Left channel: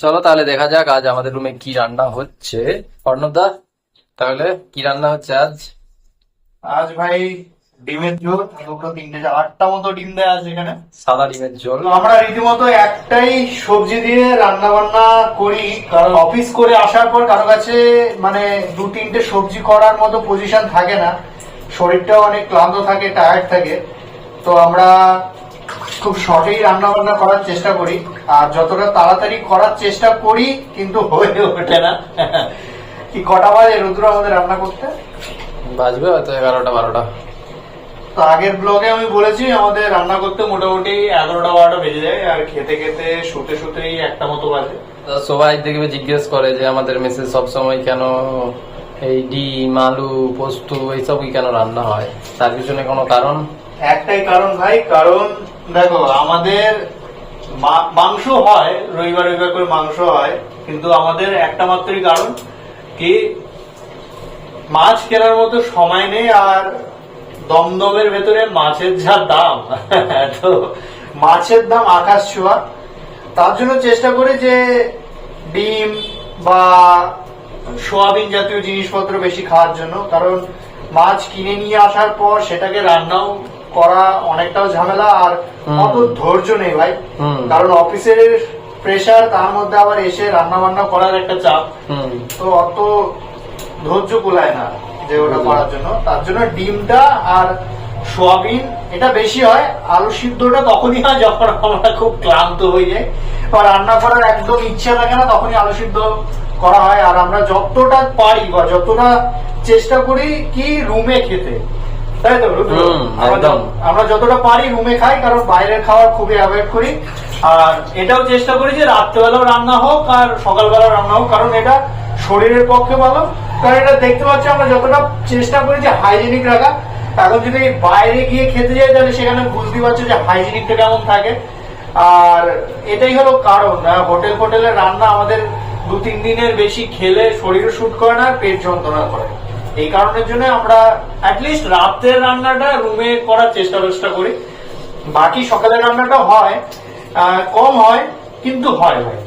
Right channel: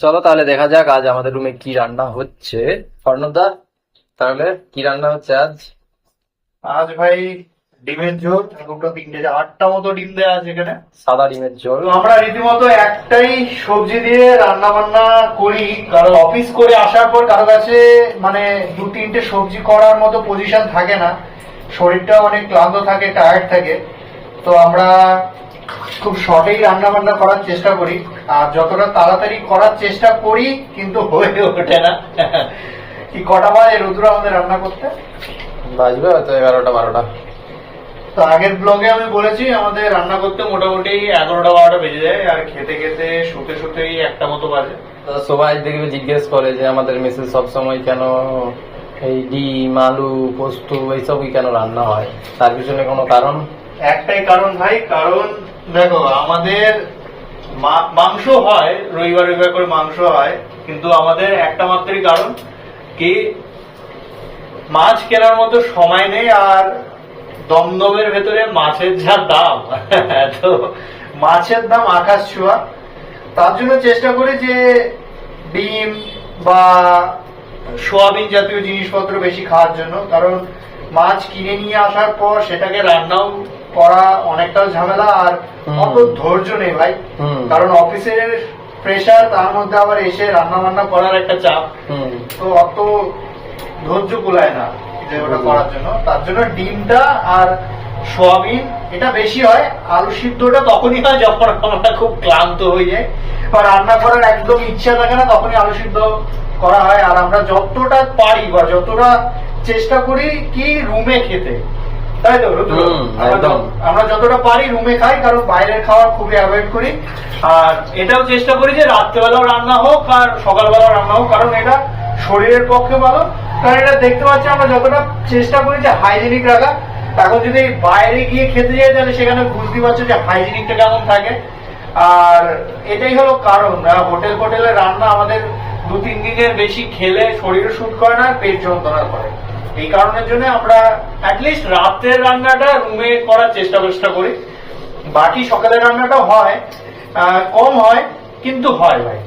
চলো তাহলে দেখা যাক আজ আমাদের রুমে কি রান্না হচ্ছে। অর্ণবদা, তাহলে কি রান্না হচ্ছে আজ? আজ ভাই ডিমের ঝোল, দুটো তিনটে 8টা মতো ডিম দেয়া আছে এখানে। সাদা ডিমের ঝোল। তো আমরা রীতিমতো একটাই সবজি দিয়ে রান্না বান্না করি, কারণ অফিস করে আসার পর কারো কাছে মানে দু তিনটে সবজি করার মতো পজিশন থাকে না, শরীরটা অনেক ক্লান্ত থাকে, টায়ার্ড থাকে। তো আমরা খুব শর্টেই রান্না বান্না করার চেষ্টা করি, আর যতটা তাড়াতাড়ি করার চেষ্টা করি কিন্তু হয়ে ওঠে না। কি কটা বাজে রুদ্র আমাদের রান্না করতে? বাজবে হয়তো 11টা 12টা। তো আগের ব্লগে আমি বলেছি আমাদের রান্না করতে মোটামুটি 11টা 12টা বেজে যায়, আর খেতে খেতে শুতে শুতেই 1টা মতো বাজে। তো সবাই দেখবে জিজ্ঞেস করে যে আমাদের মেসে সবসময় কেন এই ডিম আলু পোস্ত এইসবই কেন রান্না হয়, তার পিছনে কোনো কারণ? একটাই কারণ ভাই, কারণ দেখো আমাদের মাংস হয়, রবিবার রবিবার করে মাংস হয়, কিন্তু আমাদের একটা মাত্রই কারণ কি, মাছ কেনার মতো সময় নেই, আর দমদমের ভেতরে মাছের যা দাম, তো মাছের দাম আকাশ ছোঁয়া। তার জন্য চেষ্টা করি যে ডিম বা সোয়াবিন জাতীয় জিনিসপত্র বেশি খাওয়ার জন্য, কারণ মাছ কিনে নিয়ে আসার পর সেটাকে রান্নাও করা অনেকটাও ঝামেলা, আর অত ধৈর্য নেই ভাই, কারণ অফিসের প্রেশার, তার মধ্যে আবার এসে রান্না বান্না করার একটা চাপ, তো অত ধৈর্য কুলায় না যে ওটা করার জন্য। তার জন্য ডিমটা আর সোয়াবিন এটা বেশি হয়, আলু সিদ্ধটা তখনই হয় যখন আমরা খুব ক্লান্ত হয়ে যায় আর রান্না করার একদম ইচ্ছা থাকে না, তখনই আলু সিদ্ধ করা হয়। আর আমরা যতটা পারি বা যতটা চেষ্টা করি কি রুমে খেতে, তাই তো আমরা যতটা পারি রুমে খাই, কারণ বাইরে খাবার খুবই অ্যাভয়েড করি। আর এটাও চেষ্টা করি যে রাত্রেবেলাও রান্না হোক আর সকালবেলাও রান্না হোক, কারণ এটা শরীরের পক্ষে ভালো। কারণ এটা দেখতে পাচ্ছি আমরা যতটা চেষ্টা করি যে হাইজেনিক রাখা, এখন যদি বাইরে গিয়ে খেতে যাই তাহলে সেখানে বুঝতে পারছো যে হাইজেনিকটা কেমন থাকে। আর এটাই হলো কারণ, হোটেলের রান্না আমাদের 2-3 দিনের বেশি খেলে শরীরে শুট করে না, পেট যন্ত্রণা করে। এই কারণের জন্য আমরা অ্যাটলিস্ট রাতের রান্নাটা রুমে করার চেষ্টা করি। বাকি সকালের রান্নাটা হয়, কম হয় কিন্তু হয় ভাই।